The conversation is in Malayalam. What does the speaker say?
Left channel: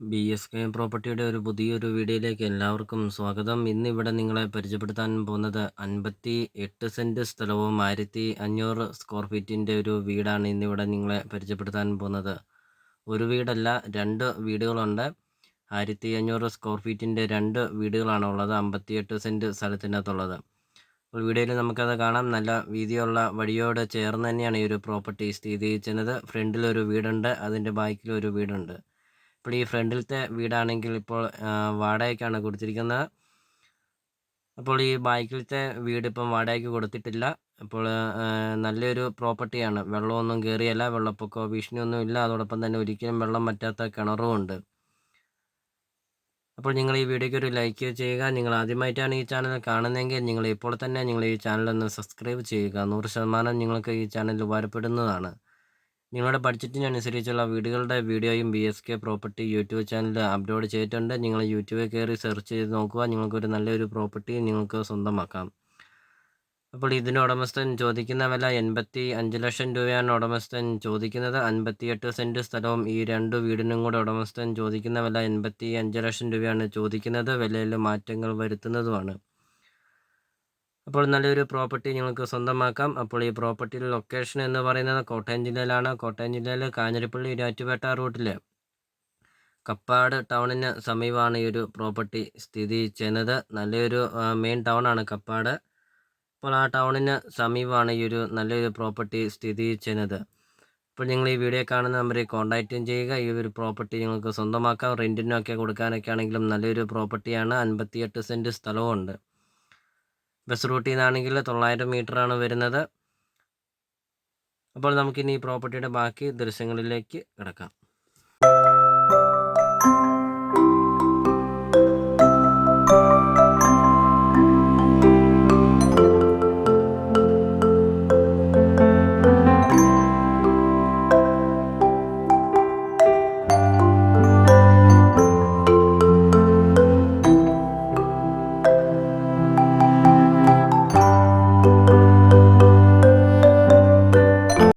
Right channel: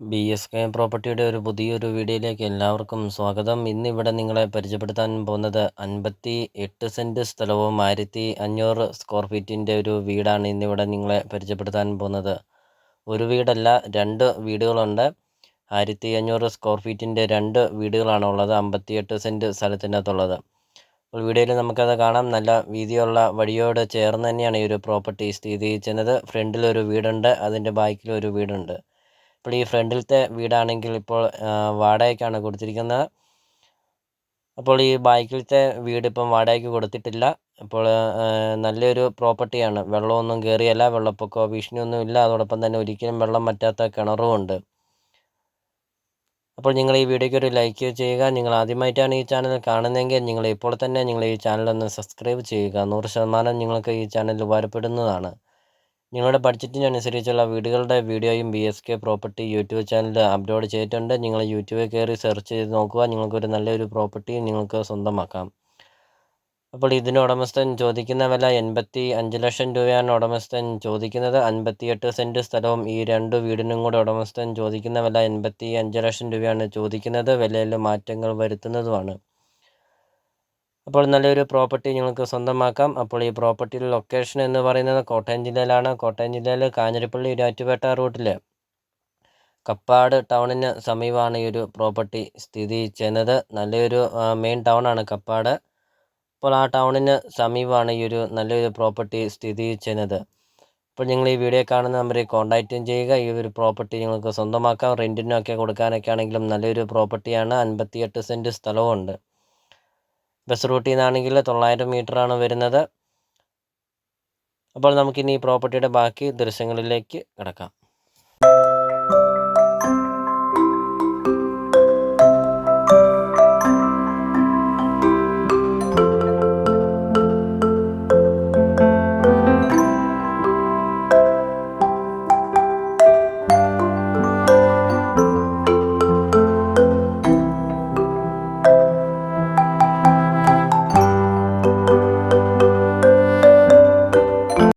ബി എസ് കെ പ്രോപ്പർട്ടിയുടെ ഒരു പുതിയൊരു വീഡിയോയിലേക്ക് എല്ലാവർക്കും സ്വാഗതം. ഇന്നിവിടെ നിങ്ങളെ പരിചയപ്പെടുത്താൻ പോകുന്നത് അൻപത്തി എട്ട് സെന്റ് സ്ഥലവും ആയിരത്തി അഞ്ഞൂറ് സ്ക്വയർ ഫീറ്റിന്റെ ഒരു വീടാണ് ഇന്നിവിടെ നിങ്ങളെ പരിചയപ്പെടുത്താൻ പോകുന്നത്. ഒരു വീടല്ല രണ്ട് വീടുകളുണ്ട്. ആയിരത്തി അഞ്ഞൂറ് സ്ക്വയർ ഫീറ്റിന്റെ രണ്ട് വീടുകളാണ് ഉള്ളത് അമ്പത്തി എട്ട് സെന്റ് സ്ഥലത്തിനകത്തുള്ളത്. അപ്പോൾ വീഡിയോയിൽ നമുക്കത് കാണാം. നല്ല വീതിയുള്ള വഴിയോട് ചേർന്ന് തന്നെയാണ് ഈ ഒരു പ്രോപ്പർട്ടി സ്ഥിതി ചെയ്യുന്നത്. ഫ്രണ്ടിലൊരു വീടുണ്ട് അതിന്റെ ബാക്കിലൊരു വീടുണ്ട്. ഇപ്പോൾ ഈ ഫ്രണ്ടിലത്തെ വീടാണെങ്കിൽ ഇപ്പോൾ വാടകയ്ക്കാണ് കൊടുത്തിരിക്കുന്നത് അപ്പോൾ ഈ ബാക്കിലത്തെ വീട് ഇപ്പം വാടകയ്ക്ക് കൊടുത്തിട്ടില്ല. അപ്പോൾ നല്ലൊരു പ്രോപ്പർട്ടിയാണ്. വെള്ളമൊന്നും കയറിയല്ല വെള്ളപ്പൊക്കമോ ഭീഷണിയൊന്നും ഇല്ല. അതോടൊപ്പം തന്നെ ഒരിക്കലും വെള്ളം വറ്റാത്ത കിണറും ഉണ്ട്. അപ്പോൾ നിങ്ങൾ ഈ വീഡിയോയ്ക്ക് ഒരു ലൈക്ക് ചെയ്യുക. നിങ്ങൾ ആദ്യമായിട്ടാണ് ഈ ചാനൽ കാണുന്നതെങ്കിൽ നിങ്ങൾ ഇപ്പോൾ തന്നെ നിങ്ങൾ ഈ ചാനൽ ഒന്ന് സബ്സ്ക്രൈബ് ചെയ്യുക. നൂറ് ശതമാനം നിങ്ങൾക്ക് ഈ ചാനൽ ഉപകാരപ്പെടുന്നതാണ്. നിങ്ങളുടെ ബഡ്ജറ്റിനനുസരിച്ചുള്ള വീടുകളുടെ വീഡിയോയും B S K property YouTube ചാനലിൽ അപ്ലോഡ് ചെയ്തിട്ടുണ്ട്. നിങ്ങൾ യൂട്യൂബിൽ കയറി സെർച്ച് ചെയ്ത് നോക്കുക. നിങ്ങൾക്കൊരു നല്ലൊരു പ്രോപ്പർട്ടി നിങ്ങൾക്ക് സ്വന്തമാക്കാം. അപ്പോൾ ഇതിന് ഉടമസ്ഥൻ ചോദിക്കുന്ന വില എൺപത്തി അഞ്ച് ലക്ഷം രൂപയാണ് ഉടമസ്ഥൻ ചോദിക്കുന്നത്. അൻപത്തിയെട്ട് സെന്റ് സ്ഥലവും ഈ രണ്ട് വീടിനും കൂടെ ഉടമസ്ഥൻ ചോദിക്കുന്ന വില എൺപത്തി അഞ്ച് ലക്ഷം രൂപയാണ് ചോദിക്കുന്നത്. വിലയിൽ മാറ്റങ്ങൾ വരുത്തുന്നതുമാണ്. അപ്പോൾ നല്ലൊരു പ്രോപ്പർട്ടി നിങ്ങൾക്ക് സ്വന്തമാക്കാം. അപ്പോൾ ഈ പ്രോപ്പർട്ടിയുടെ ലൊക്കേഷൻ എന്ന് പറയുന്നത് കോട്ടയം ജില്ലയിലാണ്. കോട്ടയം ജില്ലയിൽ കാഞ്ഞിരപ്പള്ളി ഇരാറ്റുപേട്ട റൂട്ടിൽ കപ്പാട് ടൗണിന് സമീപമാണ് ഈ ഒരു പ്രോപ്പർട്ടി സ്ഥിതി ചെയ്യുന്നത്. നല്ലൊരു മെയിൻ ടൗണാണ് കപ്പാട്. അപ്പോൾ ആ ടൗണിന് സമീപമാണ് ഈ ഒരു നല്ലൊരു പ്രോപ്പർട്ടി സ്ഥിതി ചെയ്യുന്നത്. അപ്പോൾ നിങ്ങൾ ഈ വീഡിയോ കാണുന്ന നമ്പറിൽ കോൺടാക്റ്റും ചെയ്യുക. ഈ ഒരു പ്രോപ്പർട്ടി നിങ്ങൾക്ക് സ്വന്തമാക്കാം. റെന്റിനൊക്കെ കൊടുക്കാനൊക്കെ ആണെങ്കിലും നല്ലൊരു പ്രോപ്പർട്ടിയാണ് അൻപത്തിയെട്ട് സെന്റ് സ്ഥലവും ബസ് റൂട്ടിൽ നിന്നാണെങ്കിൽ തൊള്ളായിരം മീറ്ററാണ് വരുന്നത്. അപ്പോൾ നമുക്കിനി ഈ പ്രോപ്പർട്ടിയുടെ ബാക്കി ദൃശ്യങ്ങളിലേക്ക് കിടക്കാം.